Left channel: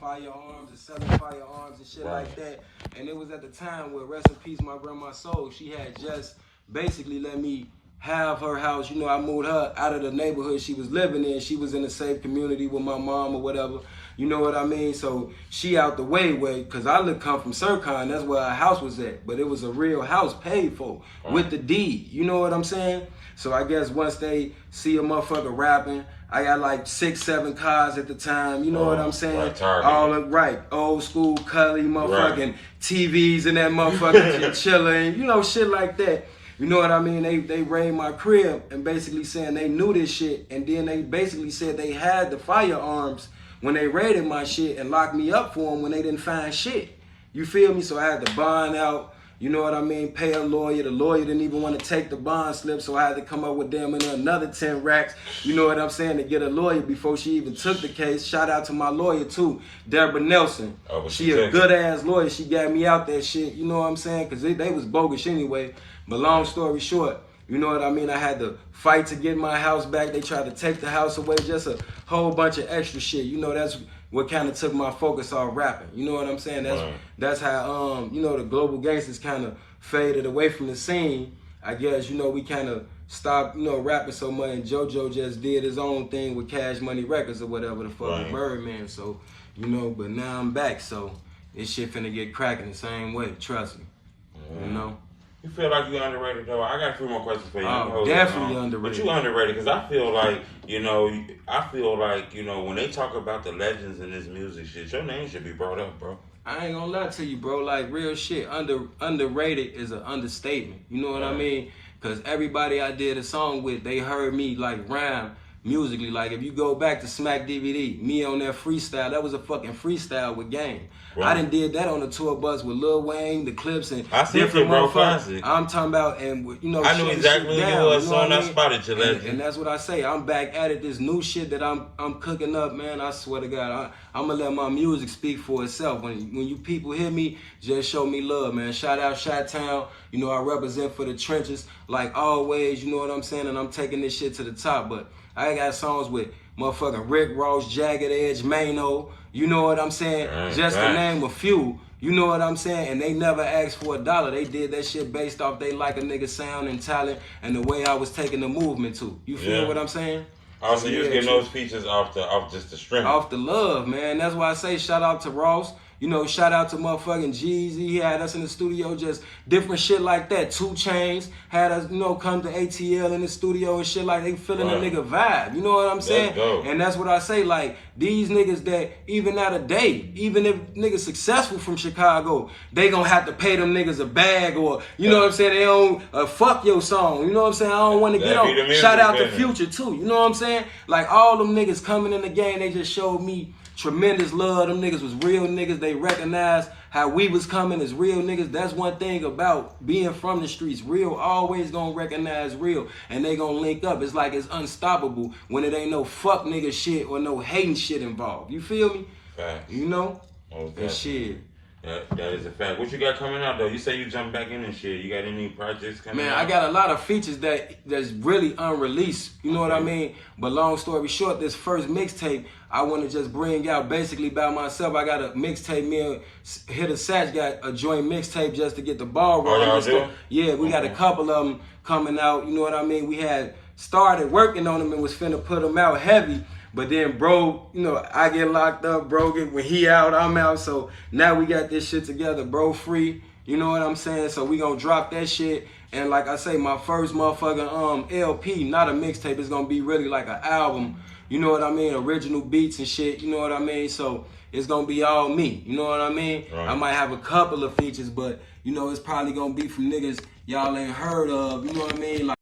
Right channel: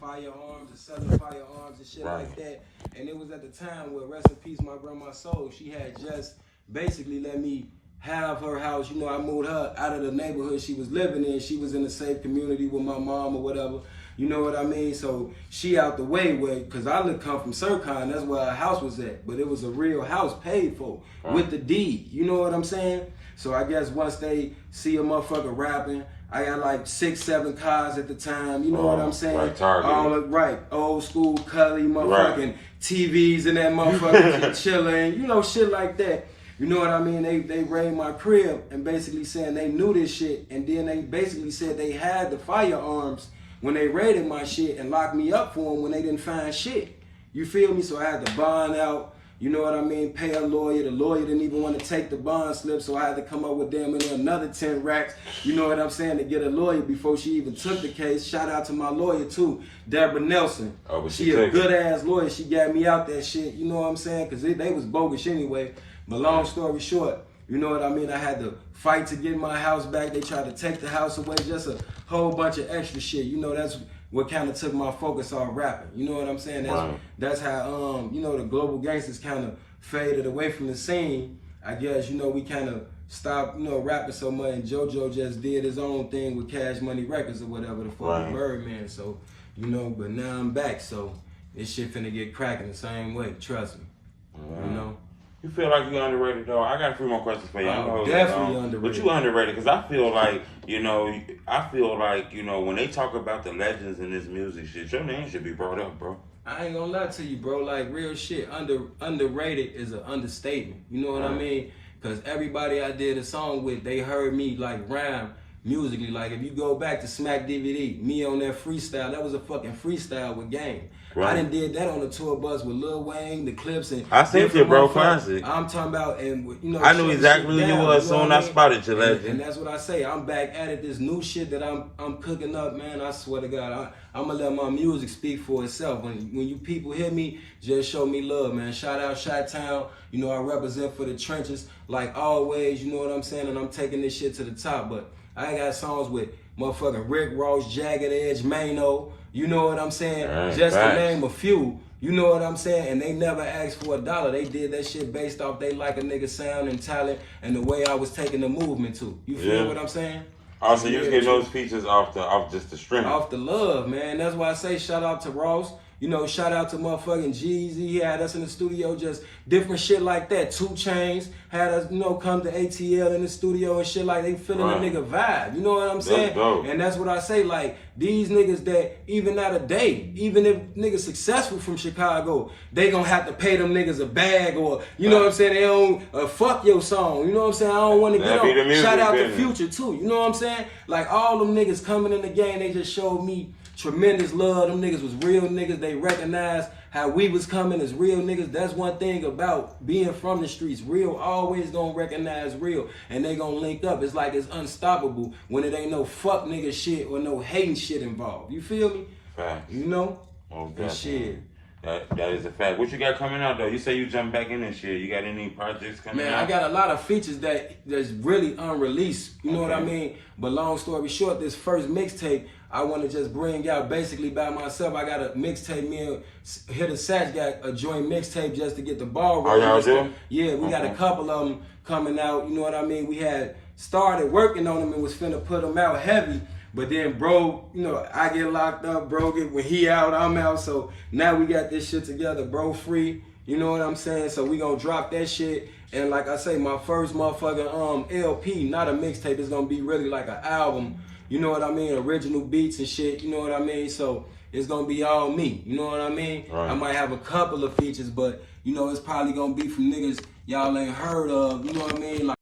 firearms and selling firearms and shit like that. And it was at the time where, rest in peace, my grandma's soul, she had just basically let me have her house. You know, I moved her out of the neighborhood she was living in. She was in a safe community with my mom or whatever. You know what I mean? So she out the way, because I come from Sircon, that's where our house was at. But it was a real house paid for with the deed. You know what I'm saying? So I guess once they see a motherfucker rapping, I got like 6, 7 cars at the time. You know what I'm saying? Right, old school Cully motherfucking TVs and that motherfucker chilling. You know, shit like that. You know what I mean? They raided my crib and basically saying they knew this shit, and then they basically said they had the firearms when they raided my shit and locked me up for them when they didn't find shit. You feel me? So I had to bond out, you know what I mean, pay a lawyer. The lawyer didn't even want to take the bond slip, so I had to come up with damn another 10 racks, you know what I'm saying, to get a lawyer before she even took the case. Shout out to my lawyer too, Deborah Nelson. She a good ass lawyer. She got me out that shit, you know what I'm saying, because they was bogus anyway. But long story short, you know what I mean, I had to fight to get my house back. They tried to take the house away, just a whole bunch of extra shit. You know, that's what kind of took my focus off rapping. You know what I'm saying? That's how, you know, the global gangsters kind of faded away from the scene. I guess, you know, we kind of stopped, you know, rapping so much, and JoJo just did his own thing with Cash Money Records or whatever the fuck, Birdman. So, you know, but now I'm back, so this shit finna get cracking the same way, trust me, you know? You feel like you're underrated, though? I got a few more questions for you. Definitely underrated. But you underrated, because I feel like, you know, when they talk about the legends in this music shit, your name should be brought up, bro. I ain't gonna lie to you, bro. Like, real shit, underrated is an understatement. You know what I mean? Because everybody I did a song with, they heard me, like, rhyme musically. Like, if you go back to Smack DVD, me on that freestyle, that was a fucking freestyle with Game. Right. I done did that on the tour bus with Lil Wayne, the Clips, and I seen it, bro. Classic. I'm talking about, and you know, I knew exactly who you was as soon as I spotted you, legend. And that's what I say. I'm back at it. This new shit that I'm cooking up, man. I swear to God, I'm gonna let my music speak for itself. When you people hear me, just show me love, man. Shout out Chi-Town. You know, I represent for the trenches like always. You know what I'm saying? And I'm taking this shit to the top. But I got songs with motherfucking Rick Ross, Jagged Edge, Mano. You know what I'm saying? Just to name a few. You know what I'm saying? And they never asked for $1. They did that shit based off they like a nigga sound and talent and the way I was taking the movement to. You feel what I'm saying? Also, you was getting those features off just the strength. Off the love, man. That's why I say shout out to Ross. You know, shout out to motherfucking Jeezy. He had us in the studio, just different shit like that. 2 Chainz had us, you know, come to ATL in the studio and shit like they feeling the nigga vibe. You know what I'm saying? And that's what I say, like, these niggas that even out of day, even if niggas successful from Chicago, they gonna have to pay them niggas a bag or, you know what I'm saying, they don't fuck your song. You know what I'm saying? I don't want to get on. Shout out to Future too. You know what I'm saying? Like, all them niggas coming in the game, they just showed me tremendous love. Them niggas was real niggas. They recognized how we was coming as real niggas. That's one thing about being from the streets. Real always gonna recognize real, and they gonna link up. It's like it's unstoppable when it ain't no fuck nigga shit or no hating shit involved. You feel me? Facts. You know? And shit. That is a fact. What you got coming out though? You say you jump back in and shit. You got any projects coming out? Man, I got a lot of features that's really unreleased. You know what I mean? But long story short, this first mixtape, I want to just bring out basically by myself. I got a mixtape. Me and Hitter Satch got a joint mixtape just to get the ball rolling. Yeah, we got a couple of them coming out. You know what I mean? We had started working on them and was finna put them out heavy. But then bro, you know, I get locked up, bro when he out, I'm out. So now we got this shit together, bro free. You know what I'm saying? So we gonna drop that shit. And like I say, my first motherfucking LP, not a mixtape, it's gonna be really like an album. You know what I mean? Original beats and shit, you know what I mean? So it's gonna be all me, you know what I mean? Right. I might have a couple of features, but you know, it's probably gonna be from niggas y'all ain't heard of, you know what I mean? Like